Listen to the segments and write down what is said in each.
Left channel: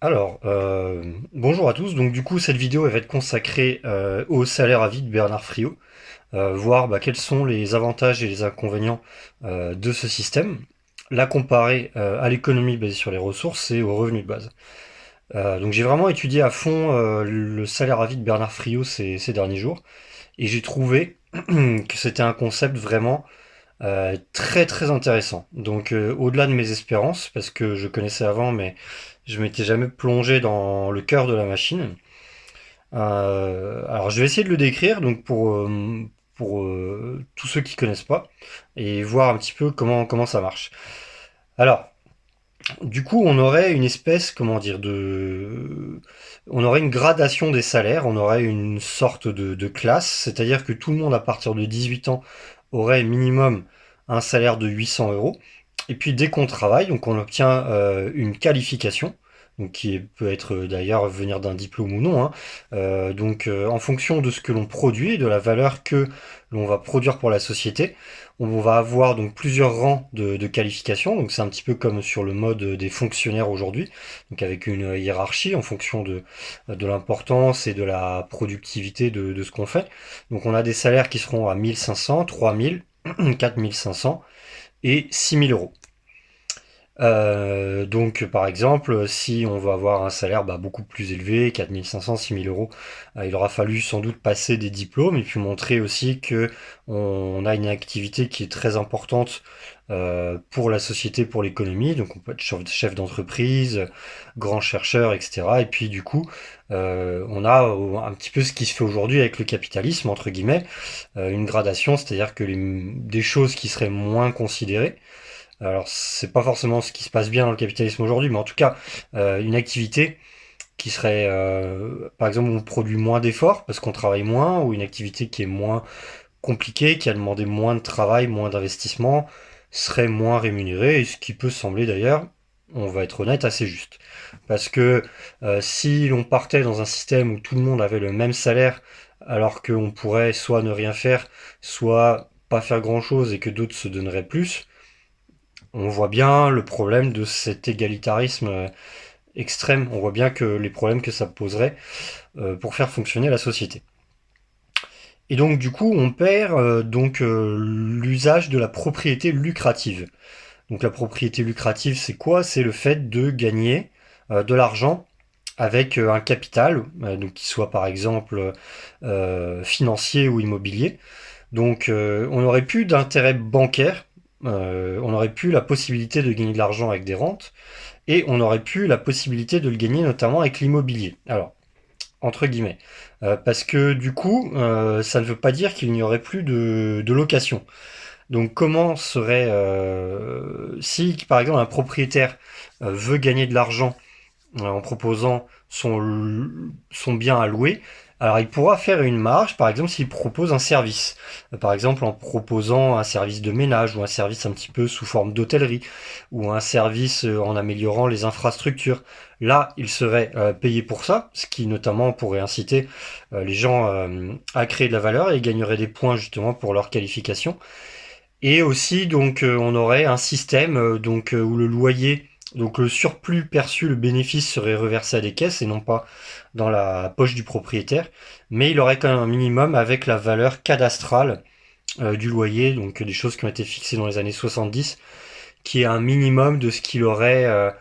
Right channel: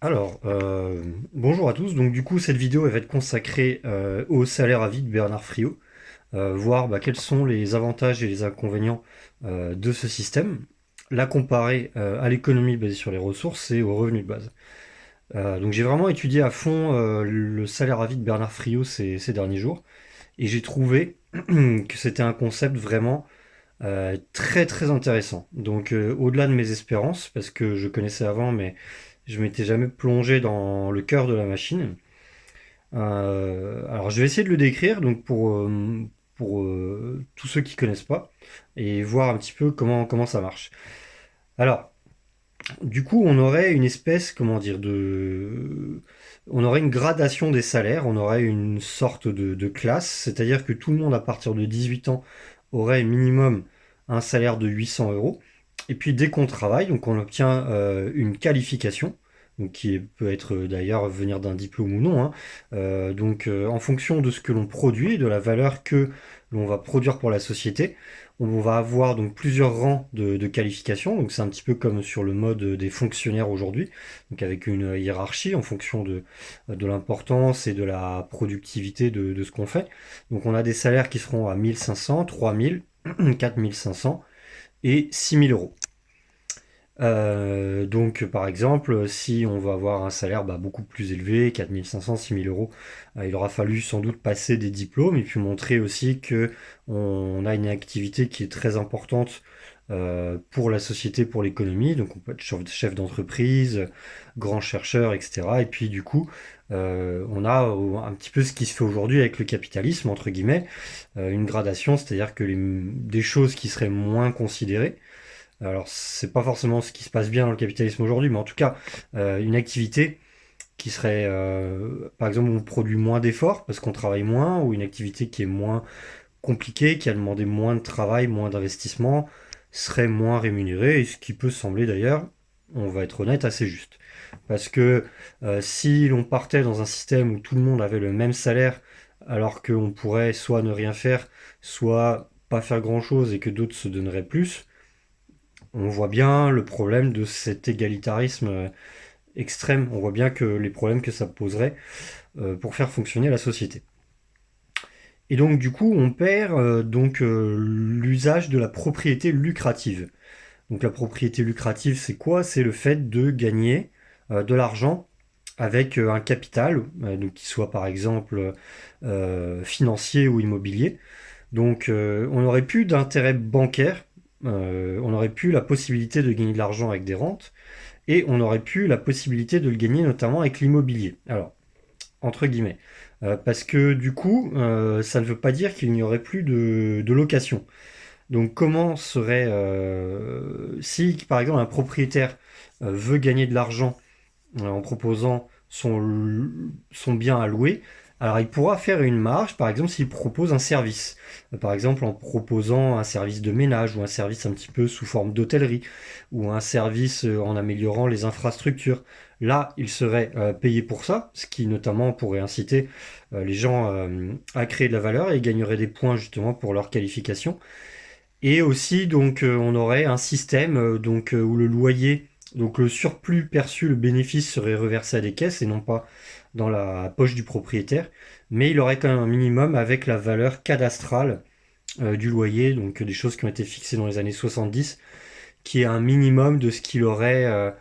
Bonjour à tous. Donc du coup, cette vidéo elle va être consacrée au salaire à vie de Bernard Friot, voir quels sont les avantages et les inconvénients de ce système, la comparer à l'économie basée sur les ressources et aux revenus de base. Donc j'ai vraiment étudié à fond le salaire à vie de Bernard Friot ces derniers jours, et j'ai trouvé que c'était un concept vraiment très très intéressant. Donc au-delà de mes espérances, parce que je connaissais avant, mais je m'étais jamais plongé dans le cœur de la machine. Alors je vais essayer de le décrire donc pour tous ceux qui connaissent pas et voir un petit peu comment ça marche. Alors du coup on aurait une espèce comment dire de on aurait une gradation des salaires, on aurait une sorte de classe, c'est-à-dire que tout le monde à partir de 18 ans aurait minimum un salaire de 800 euros. Et puis dès qu'on travaille, donc on obtient une qualification, donc peut être d'ailleurs venir d'un diplôme ou non, hein. En fonction de ce que l'on produit, de la valeur que l'on va produire pour la société, on va avoir donc plusieurs rangs de qualifications. Donc c'est un petit peu comme sur le mode des fonctionnaires aujourd'hui, donc avec une hiérarchie en fonction de l'importance et de la productivité de ce qu'on fait. Donc on a des salaires qui seront à 1500, 3000, 4500 et 6000 euros. Donc, par exemple, si on veut avoir un salaire beaucoup plus élevé, 4500, 6000 euros, il aura fallu sans doute passer des diplômes et puis montrer aussi que on a une activité qui est très importante pour la société, pour l'économie. Donc, on peut être chef d'entreprise, grand chercheur, etc. Et puis, du coup, on a un petit peu ce qui se fait aujourd'hui avec le capitalisme, entre guillemets, une gradation, c'est-à-dire que des choses qui seraient moins considérées, alors, c'est pas forcément ce qui se passe bien dans le capitalisme aujourd'hui, mais en tout cas, une activité qui serait, par exemple, où on produit moins d'efforts parce qu'on travaille moins, ou une activité qui est moins compliquée, qui a demandé moins de travail, moins d'investissement, serait moins rémunérée, et ce qui peut sembler d'ailleurs, on va être honnête, assez juste. Parce que si l'on partait dans un système où tout le monde avait le même salaire, alors qu'on pourrait soit ne rien faire, soit pas faire grand-chose et que d'autres se donneraient plus, on voit bien le problème de cet égalitarisme extrême. On voit bien que les problèmes que ça poserait pour faire fonctionner la société. Et donc du coup, on perd l'usage de la propriété lucrative. Donc la propriété lucrative, c'est quoi? C'est le fait de gagner de l'argent avec un capital, donc qui soit par exemple financier ou immobilier. Donc on n'aurait plus d'intérêt bancaire, on aurait plus la possibilité de gagner de l'argent avec des rentes, et on aurait pu la possibilité de le gagner notamment avec l'immobilier. Alors, entre guillemets. Parce que du coup, ça ne veut pas dire qu'il n'y aurait plus de location. Donc comment serait... si par exemple un propriétaire veut gagner de l'argent en proposant son bien à louer, alors il pourra faire une marge, par exemple, s'il propose un service. Par exemple, en proposant un service de ménage ou un service un petit peu sous forme d'hôtellerie ou un service en améliorant les infrastructures. Là, il serait payé pour ça, ce qui notamment pourrait inciter les gens à créer de la valeur et gagneraient des points justement pour leur qualification. Et aussi, donc, on aurait un système où le loyer, donc le surplus perçu, le bénéfice serait reversé à des caisses et non pas dans la poche du propriétaire. Mais il aurait quand même un minimum avec la valeur cadastrale du loyer, donc des choses qui ont été fixées dans les années 70, qui est un minimum de ce qu'il aurait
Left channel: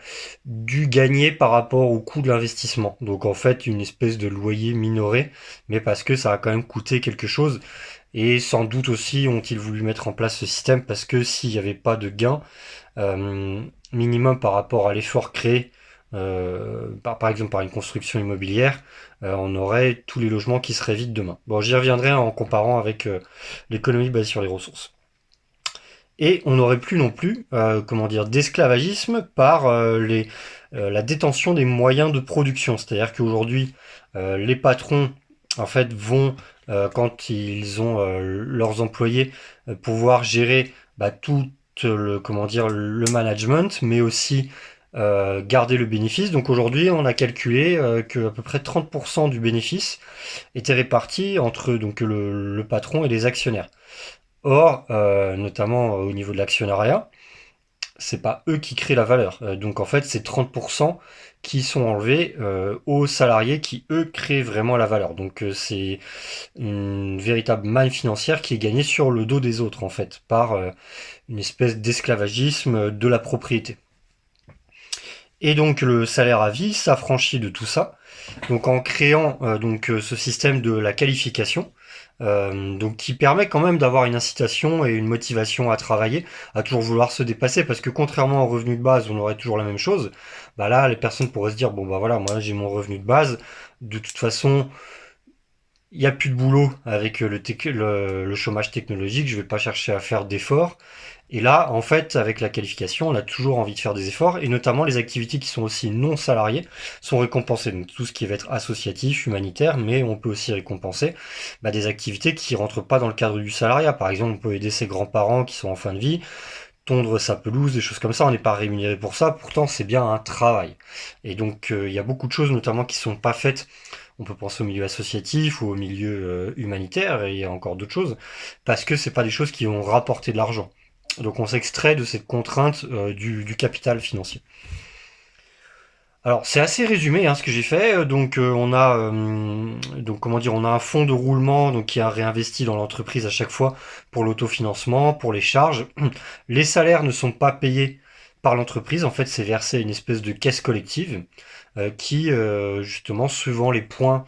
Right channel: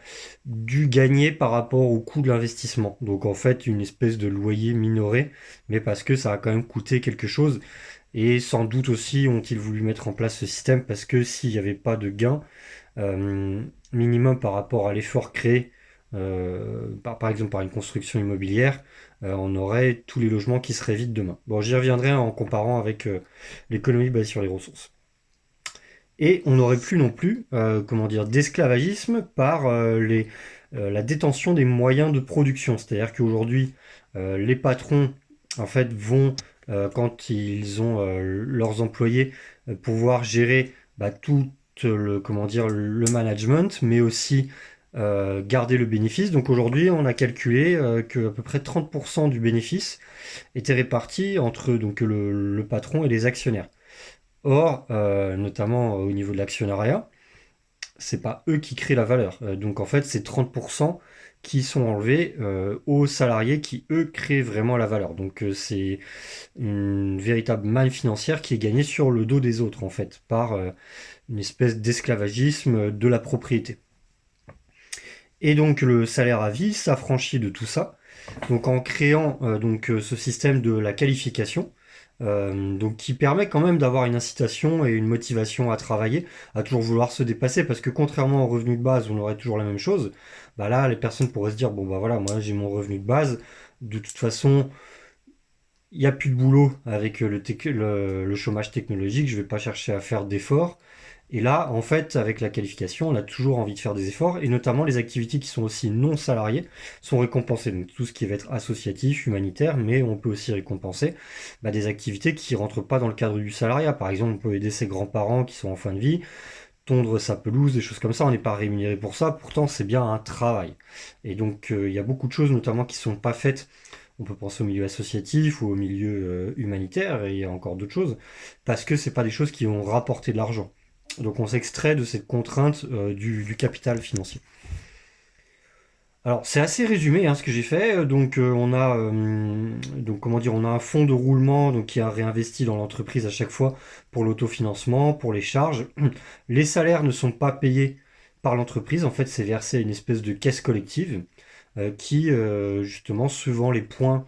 dû gagner par rapport au coût de l'investissement. Donc en fait, une espèce de loyer minoré, mais parce que ça a quand même coûté quelque chose. Et sans doute aussi ont-ils voulu mettre en place ce système parce que s'il n'y avait pas de gain minimum par rapport à l'effort créé, par exemple par une construction immobilière, on aurait tous les logements qui seraient vides demain. Bon, j'y reviendrai en comparant avec l'économie basée sur les ressources. Et on n'aurait plus non plus, comment dire, d'esclavagisme par la détention des moyens de production. C'est-à-dire qu'aujourd'hui, les patrons, en fait, vont, quand ils ont leurs employés, pouvoir gérer tout comment dire, le management, mais aussi garder le bénéfice. Donc aujourd'hui, on a calculé que à peu près 30% du bénéfice était réparti entre donc, le patron et les actionnaires. Or, notamment au niveau de l'actionnariat, c'est pas eux qui créent la valeur. Donc en fait, c'est 30% qui sont enlevés aux salariés qui, eux, créent vraiment la valeur. Donc c'est une véritable manne financière qui est gagnée sur le dos des autres, en fait, par une espèce d'esclavagisme de la propriété. Et donc le salaire à vie s'affranchit de tout ça. Donc en créant ce système de la qualification, donc qui permet quand même d'avoir une incitation et une motivation à travailler, à toujours vouloir se dépasser, parce que contrairement au revenu de base, on aurait toujours la même chose. Bah là, les personnes pourraient se dire bon bah voilà, moi j'ai mon revenu de base, de toute façon, il n'y a plus de boulot avec le chômage technologique, je ne vais pas chercher à faire d'efforts. Et là, en fait, avec la qualification, on a toujours envie de faire des efforts, et notamment les activités qui sont aussi non salariées sont récompensées. Donc tout ce qui va être associatif, humanitaire, mais on peut aussi récompenser des activités qui ne rentrent pas dans le cadre du salariat. Par exemple, on peut aider ses grands-parents qui sont en fin de vie, tondre sa pelouse, des choses comme ça. On n'est pas rémunéré pour ça, pourtant c'est bien un travail. Et donc il y a beaucoup de choses notamment qui ne sont pas faites. On peut penser au milieu associatif ou au milieu humanitaire, et il y a encore d'autres choses, parce que c'est pas des choses qui vont rapporter de l'argent. Donc on s'extrait de cette contrainte du capital financier. Alors c'est assez résumé ce que j'ai fait. Donc on a on a un fonds de roulement donc qui a réinvesti dans l'entreprise à chaque fois pour l'autofinancement, pour les charges. Les salaires ne sont pas payés par l'entreprise. En fait, c'est versé à une espèce de caisse collective qui justement suivant les points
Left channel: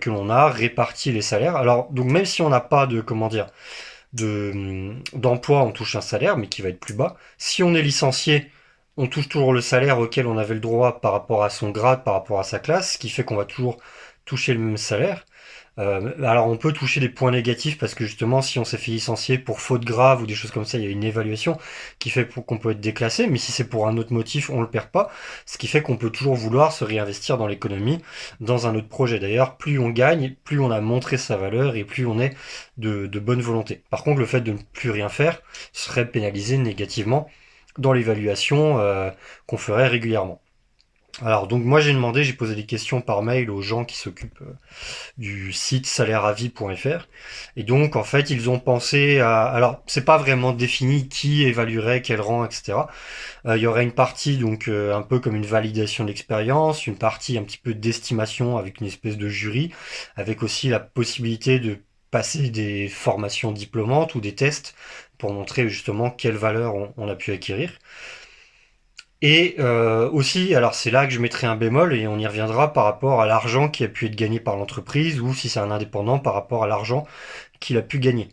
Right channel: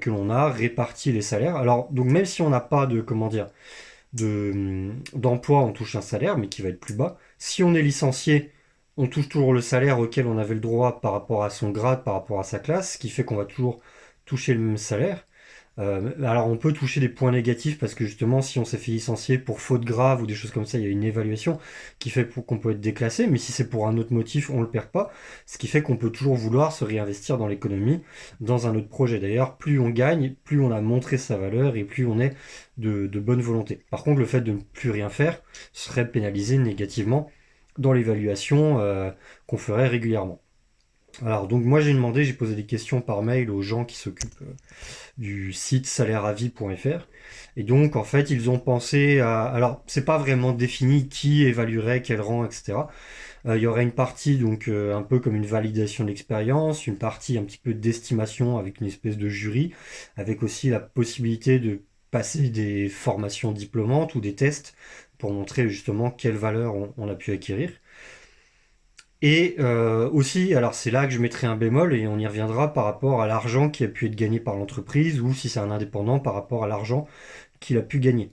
que l'on a répartit les salaires. Alors donc même si on n'a pas de d'emploi, on touche un salaire, mais qui va être plus bas. Si on est licencié, on touche toujours le salaire auquel on avait le droit par rapport à son grade, par rapport à sa classe, ce qui fait qu'on va toujours toucher le même salaire. Alors on peut toucher des points négatifs parce que justement si on s'est fait licencier pour faute grave ou des choses comme ça, il y a une évaluation qui fait qu'on peut être déclassé, mais si c'est pour un autre motif, on ne le perd pas, ce qui fait qu'on peut toujours vouloir se réinvestir dans l'économie, dans un autre projet. D'ailleurs, plus on gagne, plus on a montré sa valeur et plus on est de bonne volonté. Par contre, le fait de ne plus rien faire serait pénalisé négativement dans l'évaluation qu'on ferait régulièrement. Alors donc moi j'ai posé des questions par mail aux gens qui s'occupent du site salaireavis.fr. Et donc, en fait, ils ont pensé à... Alors, c'est pas vraiment défini qui évaluerait quel rang, etc. Il y aurait une partie, donc, un peu comme une validation de l'expérience, une partie un petit peu d'estimation avec une espèce de jury, avec aussi la possibilité de passer des formations diplômantes ou des tests pour montrer justement quelle valeur on a pu acquérir. Et aussi, alors c'est là que je mettrai un bémol et on y reviendra par rapport à l'argent qui a pu être gagné par l'entreprise ou si c'est un indépendant par rapport à l'argent qu'il a pu gagner.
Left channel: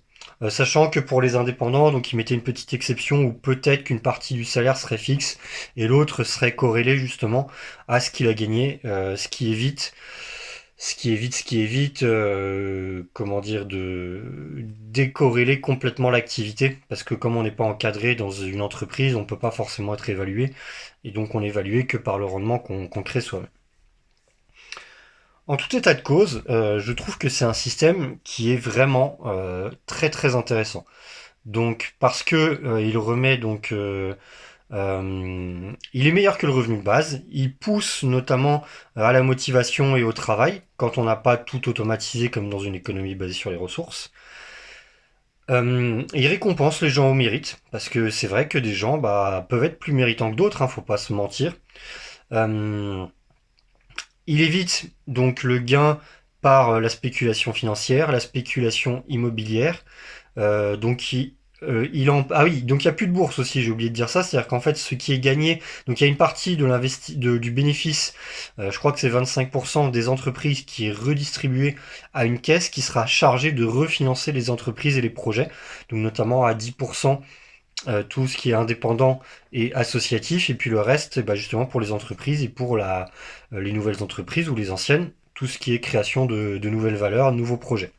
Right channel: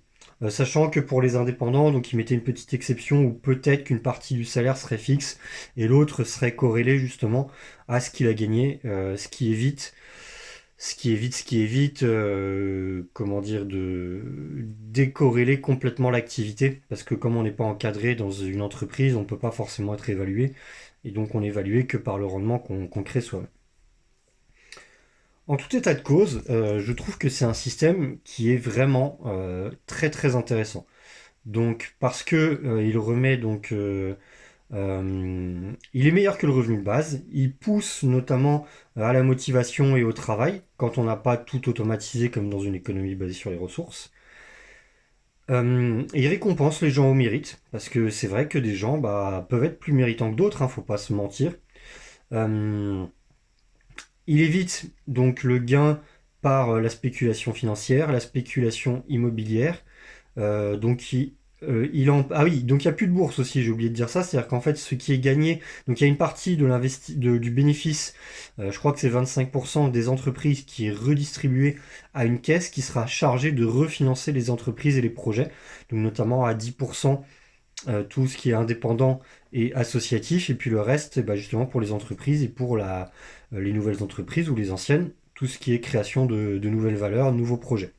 Sachant que pour les indépendants, donc ils mettaient une petite exception où peut-être qu'une partie du salaire serait fixe et l'autre serait corrélée justement à ce qu'il a gagné, comment dire, de décorréler complètement l'activité, parce que comme on n'est pas encadré dans une entreprise, on ne peut pas forcément être évalué, et donc on est évalué que par le rendement qu'on crée soi-même. En tout état de cause, je trouve que c'est un système qui est vraiment très très intéressant. Donc parce que il remet il est meilleur que le revenu de base. Il pousse notamment à la motivation et au travail quand on n'a pas tout automatisé comme dans une économie basée sur les ressources. Il récompense les gens au mérite parce que c'est vrai que des gens peuvent être plus méritants que d'autres, faut pas se mentir. Euh, il évite donc le gain par la spéculation financière, la spéculation immobilière. Donc ah oui, donc il n'y a plus de bourse aussi, j'ai oublié de dire ça, c'est-à-dire qu'en fait ce qui est gagné, donc il y a une partie du bénéfice, je crois que c'est 25% des entreprises qui est redistribué à une caisse qui sera chargée de refinancer les entreprises et les projets, donc notamment à 10% tout ce qui est indépendant et associatif, et puis le reste justement pour les entreprises et pour les nouvelles entreprises ou les anciennes, tout ce qui est création de nouvelles valeurs, nouveaux projets.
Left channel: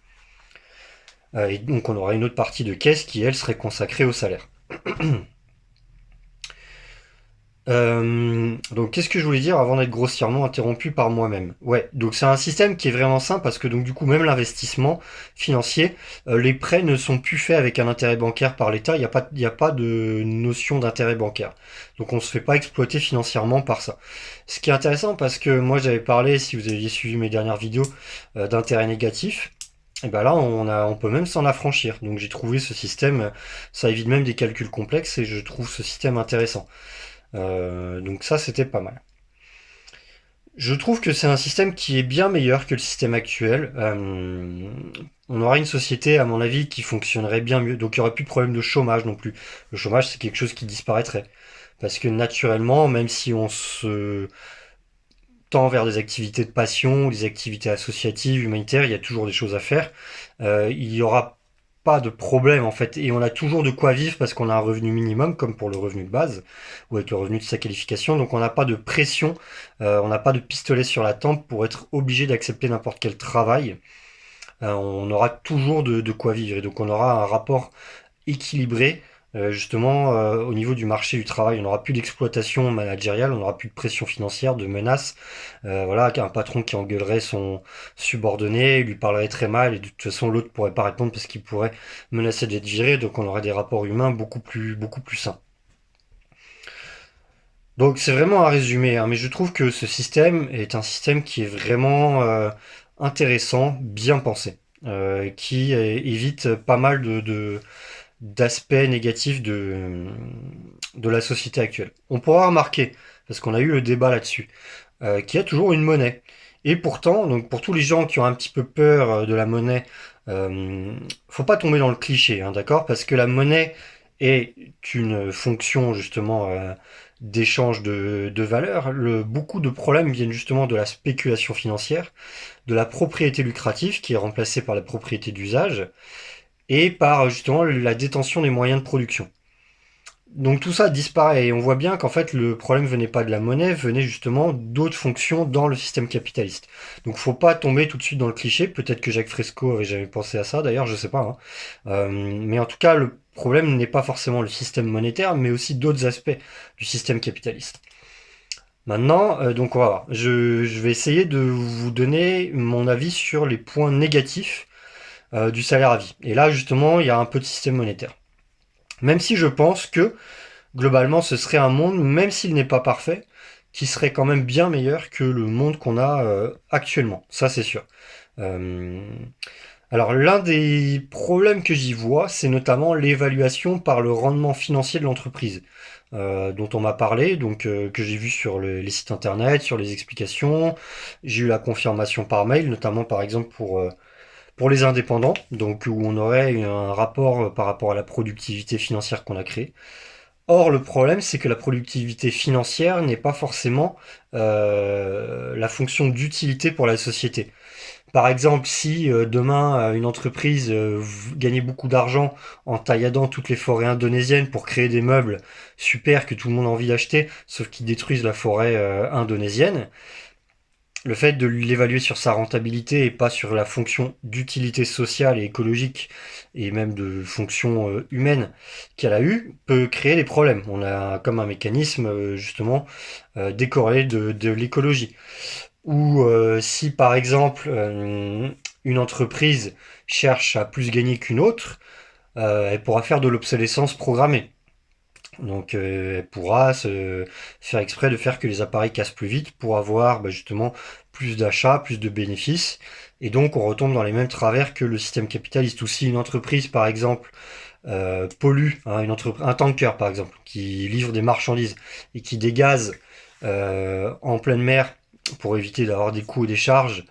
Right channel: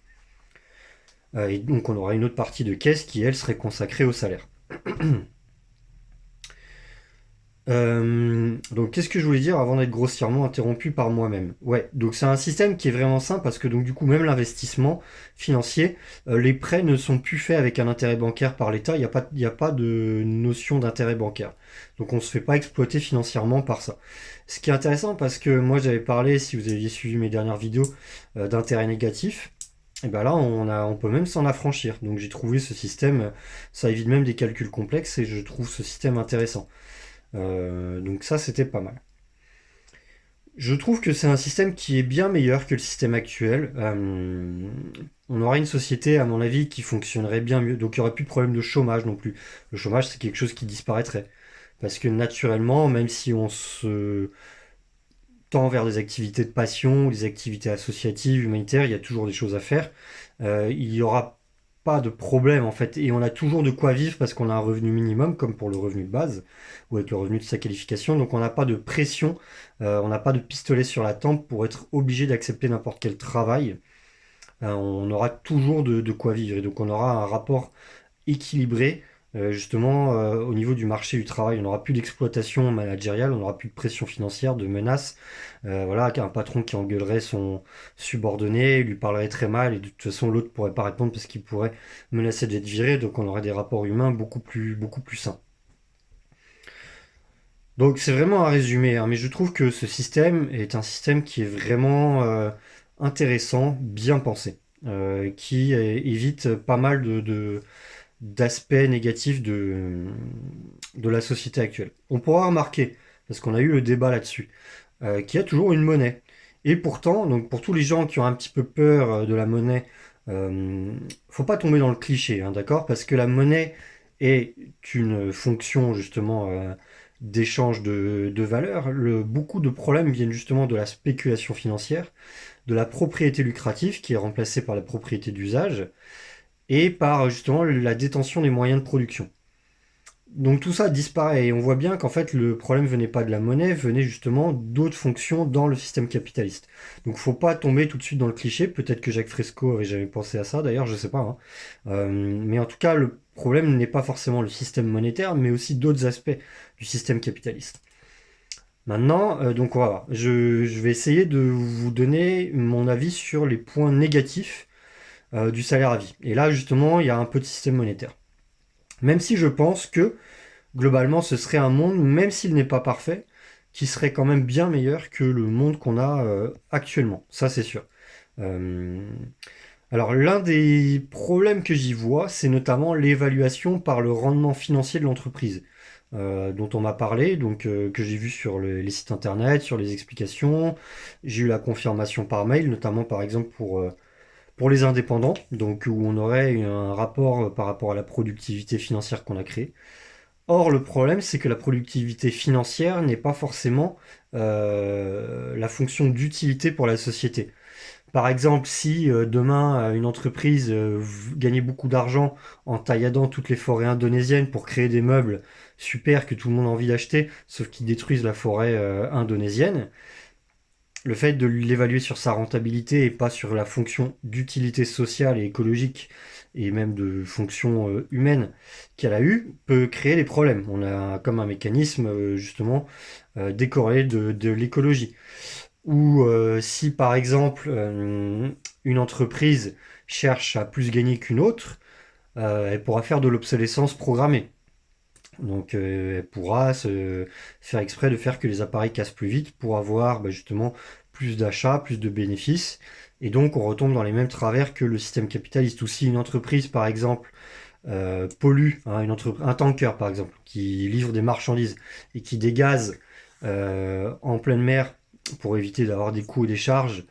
Et donc on aura une autre partie de caisse qui, elle, serait consacrée au salaire. Donc qu'est-ce que je voulais dire avant d'être grossièrement interrompu par moi-même? Ouais, donc c'est un système qui est vraiment simple parce que donc du coup même l'investissement financier, les prêts ne sont plus faits avec un intérêt bancaire par l'État, il y a pas de notion d'intérêt bancaire. Donc on se fait pas exploiter financièrement par ça. Ce qui est intéressant parce que moi j'avais parlé, si vous aviez suivi mes dernières vidéos, d'intérêt négatif. Et ben là, on peut même s'en affranchir. Donc j'ai trouvé ce système, ça évite même des calculs complexes et je trouve ce système intéressant. Donc ça, c'était pas mal. Je trouve que c'est un système qui est bien meilleur que le système actuel. On aura une société, à mon avis, qui fonctionnerait bien mieux. Donc il n'y aurait plus de problème de chômage non plus. Le chômage, c'est quelque chose qui disparaîtrait. Parce que naturellement, même si on se tend vers des activités de passion, des activités associatives, humanitaires, il y a toujours des choses à faire. Il n'y aura pas de problème en fait. Et on a toujours de quoi vivre parce qu'on a un revenu minimum, comme pour le revenu de base, ou avec le revenu de sa qualification. Donc on n'a pas de pression, on n'a pas de pistolet sur la tempe pour être obligé d'accepter n'importe quel travail. On aura toujours de quoi vivre. Et donc on aura un rapport équilibré justement au niveau du marché du travail. On n'aura plus d'exploitation managériale, on n'aura plus de pression financière, de menaces. Voilà, un patron qui engueulerait son subordonné, lui parlerait très mal et de toute façon l'autre pourrait pas répondre parce qu'il pourrait menacer d'être viré. Donc on aurait des rapports humains beaucoup plus sains. Donc c'est vraiment un résumé, hein, mais je trouve que ce système est un système qui est vraiment intéressant, bien pensé, qui évite pas mal d'aspects négatifs de la société actuelle. On pourra remarquer, parce qu'on a eu le débat là-dessus, qu'il y a toujours une monnaie. Et pourtant, donc pour tous les gens qui ont un petit peu peur de la monnaie, faut pas tomber dans le cliché, hein, d'accord? Parce que la monnaie est une fonction justement d'échange de valeurs. Beaucoup de problèmes viennent justement de la spéculation financière, de la propriété lucrative qui est remplacée par la propriété d'usage et par justement la détention des moyens de production. Donc tout ça disparaît et on voit bien qu'en fait le problème venait pas de la monnaie, venait justement d'autres fonctions dans le système capitaliste. Donc faut pas tomber tout de suite dans le cliché, peut-être que Jacques Fresco avait jamais pensé à ça d'ailleurs, je sais pas, hein. Mais en tout cas le problème n'est pas forcément le système monétaire, mais aussi d'autres aspects du système capitaliste. Maintenant, donc on va voir. Je vais essayer de vous donner mon avis sur les points négatifs du salaire à vie. Et là justement il y a un peu de système monétaire. Même si je pense que globalement, ce serait un monde, même s'il n'est pas parfait, qui serait quand même bien meilleur que le monde qu'on a actuellement. Ça, c'est sûr. Euh, alors, l'un des problèmes que j'y vois, c'est notamment l'évaluation par le rendement financier de l'entreprise, dont on m'a parlé, donc que j'ai vu sur les sites internet, sur les explications. J'ai eu la confirmation par mail, notamment par exemple pour les indépendants, donc où on aurait un rapport par rapport à la productivité financière qu'on a créée. Or, le problème, c'est que la productivité financière n'est pas forcément la fonction d'utilité pour la société. Par exemple, si demain une entreprise gagnait beaucoup d'argent en tailladant toutes les forêts indonésiennes pour créer des meubles super que tout le monde a envie d'acheter, sauf qu'ils détruisent la forêt indonésienne, le fait de l'évaluer sur sa rentabilité et pas sur la fonction d'utilité sociale et écologique et même de fonction humaine qu'elle a eu peut créer des problèmes. On a comme un mécanisme justement décorrélé de l'écologie. Ou si par exemple une entreprise cherche à plus gagner qu'une autre, elle pourra faire de l'obsolescence programmée. Donc elle pourra se faire exprès de faire que les appareils cassent plus vite pour avoir justement plus d'achats, plus de bénéfices. Et donc on retombe dans les mêmes travers que le système capitaliste. Ou si une entreprise par exemple pollue, hein, un tanker par exemple, qui livre des marchandises et qui dégaze en pleine mer pour éviter d'avoir des coûts et des charges,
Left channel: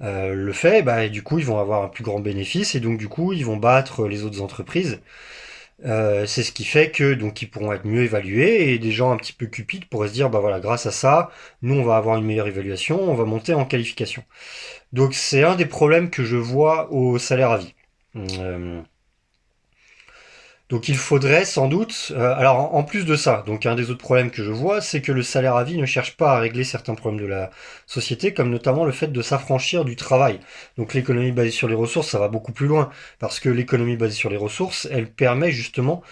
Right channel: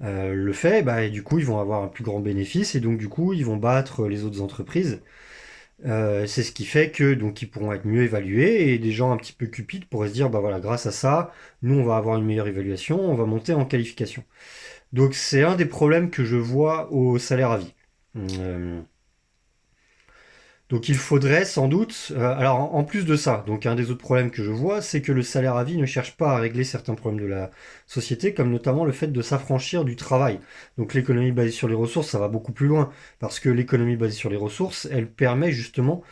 le fait, bah, du coup ils vont avoir un plus grand bénéfice et donc du coup ils vont battre les autres entreprises. C'est ce qui fait que donc ils pourront être mieux évalués et des gens un petit peu cupides pourraient se dire bah voilà, grâce à ça, nous on va avoir une meilleure évaluation, on va monter en qualification. Donc c'est un des problèmes que je vois au salaire à vie. Euh, donc il faudrait sans doute, alors en plus de ça, donc un des autres problèmes que je vois, c'est que le salaire à vie ne cherche pas à régler certains problèmes de la société, comme notamment le fait de s'affranchir du travail. Donc l'économie basée sur les ressources, ça va beaucoup plus loin, parce que l'économie basée sur les ressources, elle permet justement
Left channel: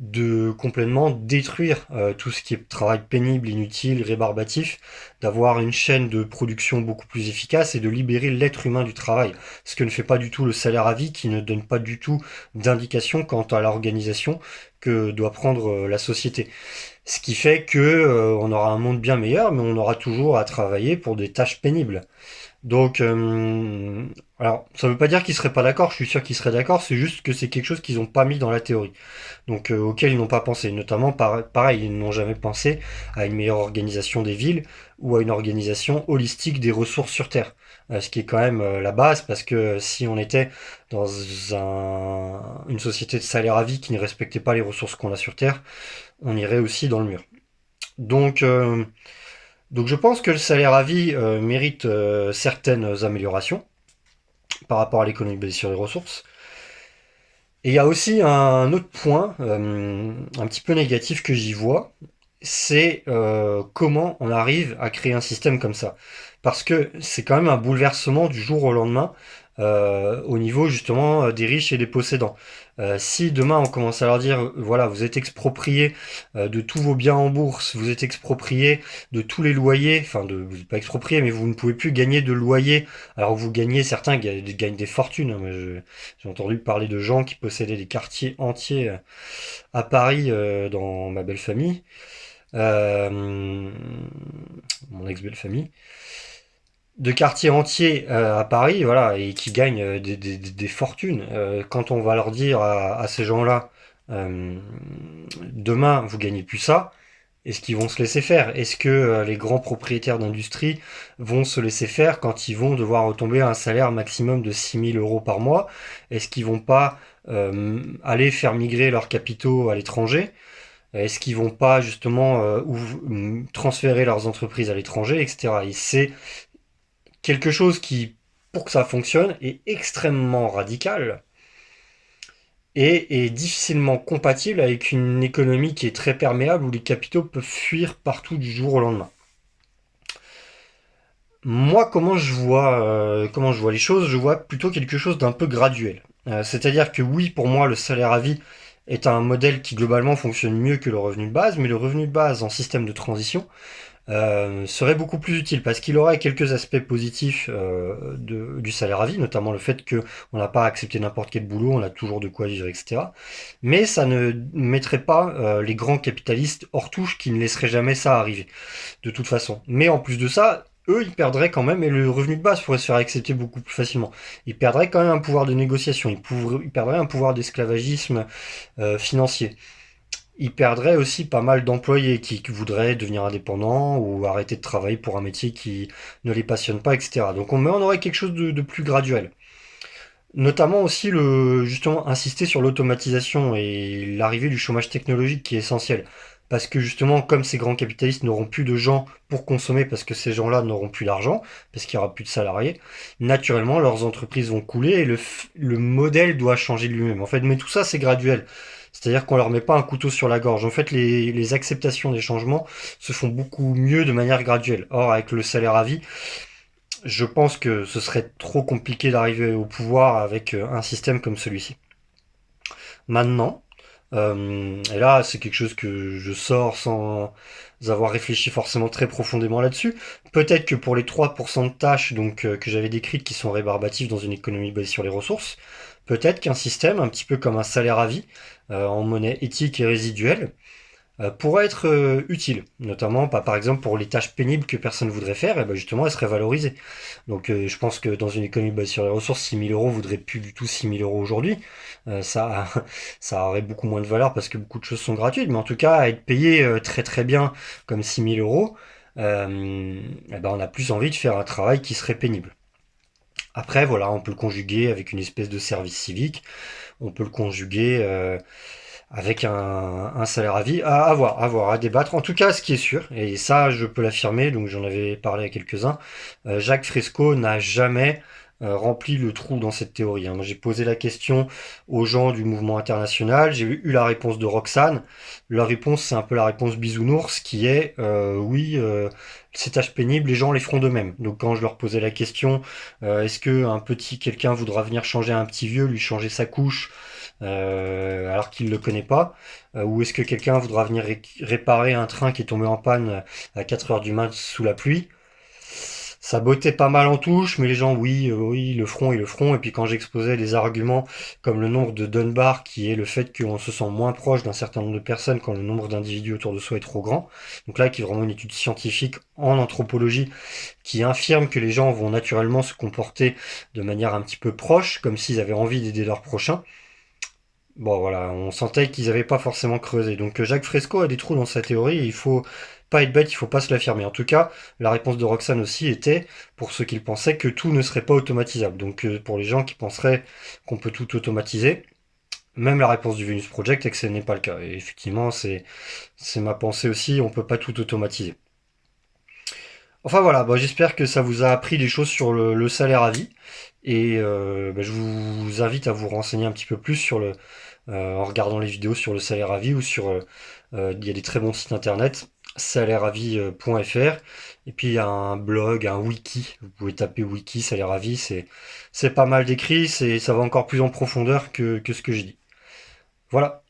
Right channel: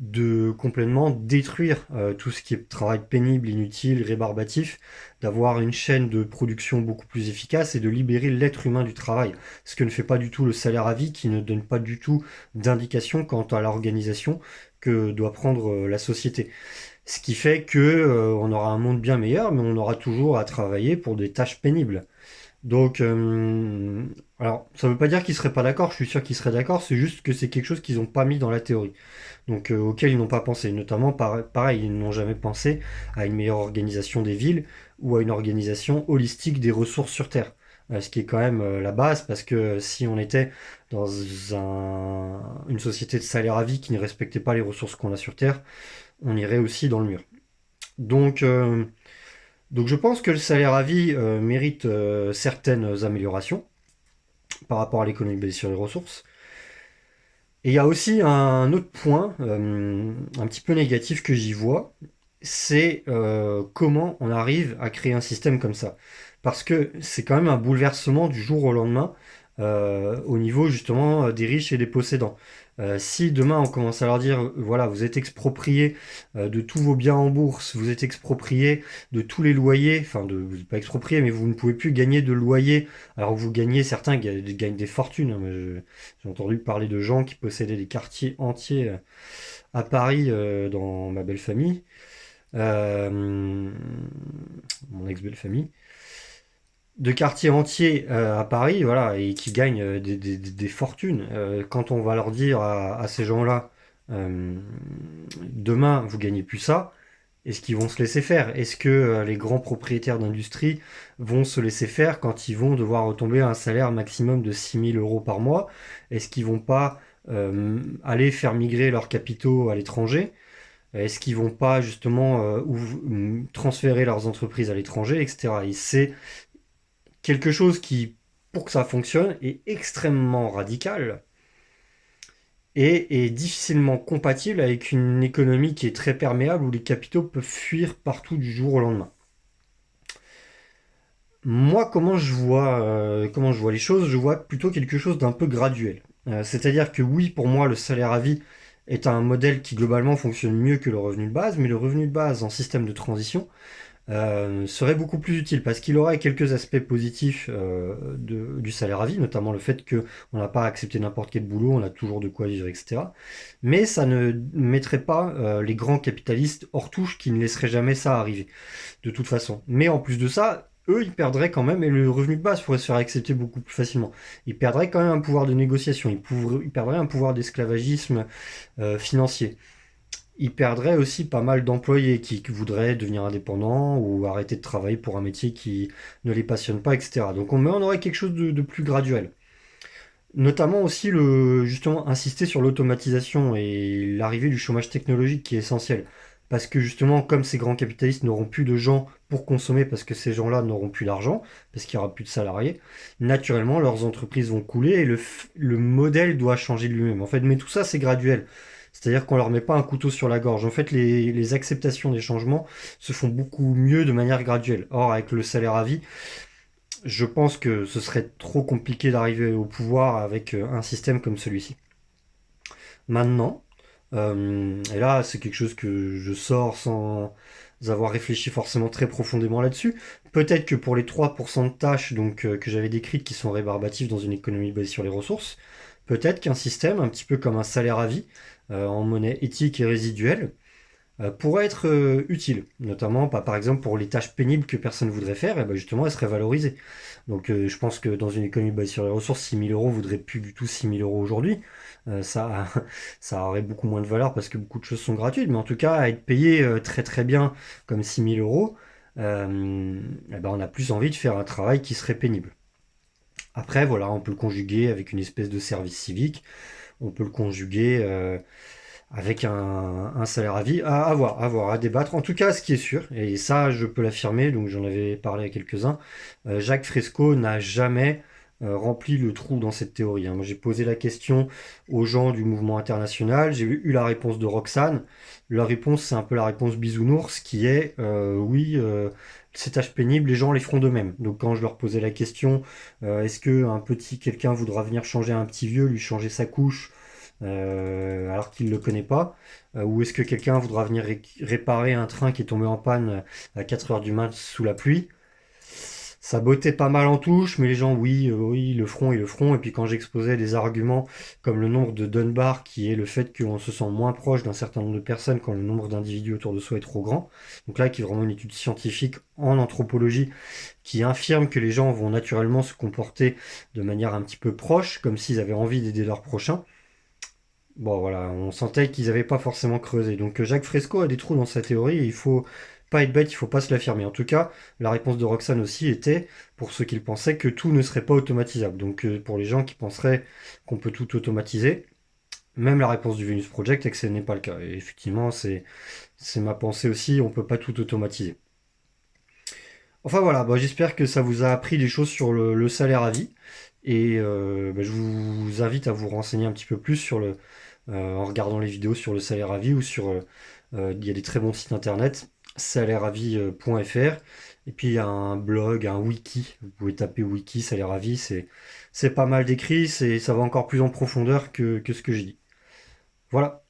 de complètement détruire tout ce qui est travail pénible, inutile, rébarbatif, d'avoir une chaîne de production beaucoup plus efficace et de libérer l'être humain du travail. Ce que ne fait pas du tout le salaire à vie, qui ne donne pas du tout d'indication quant à l'organisation que doit prendre la société. Ce qui fait que on aura un monde bien meilleur, mais on aura toujours à travailler pour des tâches pénibles. Donc, alors, ça veut pas dire qu'ils seraient pas d'accord, je suis sûr qu'ils seraient d'accord, c'est juste que c'est quelque chose qu'ils n'ont pas mis dans la théorie, donc auquel ils n'ont pas pensé. Notamment, pareil, ils n'ont jamais pensé à une meilleure organisation des villes ou à une organisation holistique des ressources sur Terre. Ce qui est quand même la base, parce que si on était dans une société de salaire à vie qui ne respectait pas les ressources qu'on a sur Terre, on irait aussi dans le mur. Donc, donc je pense que le salaire à vie mérite certaines améliorations par rapport à l'économie basée sur les ressources. Et il y a aussi un autre point, un petit peu négatif que j'y vois, c'est comment on arrive à créer un système comme ça. Parce que c'est quand même un bouleversement du jour au lendemain au niveau justement des riches et des possédants. Si demain on commence à leur dire, voilà, vous êtes exproprié de tous vos biens en bourse, vous êtes exproprié de tous les loyers, enfin vous n'êtes pas exproprié, mais vous ne pouvez plus gagner de loyer, alors que vous gagnez, certains gagnent des fortunes. Moi, j'ai entendu parler de gens qui possédaient des quartiers entiers à Paris dans ma belle famille, mon ex-belle famille, de quartiers entiers à Paris, voilà, et qui gagnent des fortunes. Quand on va leur dire à ces gens-là, euh, demain vous gagnez plus ça, est-ce qu'ils vont se laisser faire? Est-ce que les grands propriétaires d'industrie vont se laisser faire quand ils vont devoir retomber à un salaire maximum de 6 000 € par mois? Est-ce qu'ils vont pas aller faire migrer leurs capitaux à l'étranger? Est-ce qu'ils vont pas justement transférer leurs entreprises à l'étranger, etc. Et c'est quelque chose qui, pour que ça fonctionne, est extrêmement radical et est difficilement compatible avec une économie qui est très perméable où les capitaux peuvent fuir partout du jour au lendemain. Moi, comment je vois les choses, je vois plutôt quelque chose d'un peu graduel. C'est-à-dire que oui, pour moi, le salaire à vie est un modèle qui globalement fonctionne mieux que le revenu de base, mais le revenu de base en système de transition serait beaucoup plus utile parce qu'il aurait quelques aspects positifs du salaire à vie, notamment le fait qu'on n'a pas accepté n'importe quel boulot, on a toujours de quoi vivre, etc. Mais ça ne mettrait pas les grands capitalistes hors touche qui ne laisseraient jamais ça arriver, de toute façon. Mais en plus de ça, eux, ils perdraient quand même, et le revenu de base pourrait se faire accepter beaucoup plus facilement. Ils perdraient quand même un pouvoir de négociation, ils perdraient un pouvoir d'esclavagisme financier. Ils perdraient aussi pas mal d'employés qui voudraient devenir indépendants ou arrêter de travailler pour un métier qui ne les passionne pas, etc. Donc on aurait quelque chose de plus graduel. Notamment aussi justement insister sur l'automatisation et l'arrivée du chômage technologique qui est essentiel. Parce que justement, comme ces grands capitalistes n'auront plus de gens pour consommer parce que ces gens-là n'auront plus d'argent, parce qu'il n'y aura plus de salariés, naturellement leurs entreprises vont couler et le modèle doit changer de lui-même. En fait, mais tout ça c'est graduel. C'est-à-dire qu'on leur met pas un couteau sur la gorge. En fait, les acceptations des changements se font beaucoup mieux de manière graduelle. Or, avec le salaire à vie, je pense que ce serait trop compliqué d'arriver au pouvoir avec un système comme celui-ci. Maintenant, et là c'est quelque chose que je sors sans avoir réfléchi forcément très profondément là-dessus, peut-être que pour les 3% de tâches donc, que j'avais décrites qui sont rébarbatives dans une économie basée sur les ressources, peut-être qu'un système, un petit peu comme un salaire à vie, en monnaie éthique et résiduelle, pourrait être utile, notamment par exemple pour les tâches pénibles que personne ne voudrait faire, et ben justement elles seraient valorisées. Donc je pense que dans une économie basée sur les ressources, 6 000 € vaudrait plus du tout 6 000 € aujourd'hui. Ça, ça aurait beaucoup moins de valeur parce que beaucoup de choses sont gratuites, mais en tout cas, être payé très très bien comme 6 000 €, eh ben, on a plus envie de faire un travail qui serait pénible. Après, voilà, on peut le conjuguer avec une espèce de service civique, on peut le conjuguer avec un salaire à vie, à voir, à débattre. En tout cas, ce qui est sûr, et ça je peux l'affirmer, donc j'en avais parlé à quelques-uns, Jacques Fresco n'a jamais rempli le trou dans cette théorie. Hein. Moi, j'ai posé la question aux gens du mouvement international, j'ai eu la réponse de Roxane. Leur réponse, c'est un peu la réponse bisounours, qui est oui, ces tâches pénibles, les gens les feront d'eux-mêmes. Donc quand je leur posais la question, est-ce que quelqu'un voudra venir changer un petit vieux, lui changer sa couche, alors qu'il ne le connaît pas, ou est-ce que quelqu'un voudra venir réparer un train qui est tombé en panne à 4 heures du mat sous la pluie? ça bottait pas mal en touche, mais les gens, oui, oui, ils le feront, ils le feront. Et puis quand j'exposais des arguments comme le nombre de Dunbar, qui est le fait qu'on se sent moins proche d'un certain nombre de personnes quand le nombre d'individus autour de soi est trop grand. Donc là, qui est vraiment une étude scientifique en anthropologie qui infirme que les gens vont naturellement se comporter de manière un petit peu proche, comme s'ils avaient envie d'aider leur prochain. Bon voilà, on sentait qu'ils n'avaient pas forcément creusé. Donc Jacques Fresco a des trous dans sa théorie et il faut pas être bête, il faut pas se l'affirmer. En tout cas, la réponse de Roxane aussi était, pour ceux qui le pensaient, que tout ne serait pas automatisable. Donc pour les gens qui penseraient qu'on peut tout automatiser, même la réponse du Venus Project est que ce n'est pas le cas. Et effectivement, c'est ma pensée aussi, on peut pas tout automatiser. Enfin voilà, bah, j'espère que ça vous a appris des choses sur le salaire à vie. Et bah, je vous invite à vous renseigner un petit peu plus en regardant les vidéos sur le salaire à vie ou il y a des très bons sites internet, salaireavie.fr. Et puis il y a un blog, un wiki. Vous pouvez taper wiki salaire à vie. C'est pas mal décrit. Ça va encore plus en profondeur que ce que je dis. Voilà.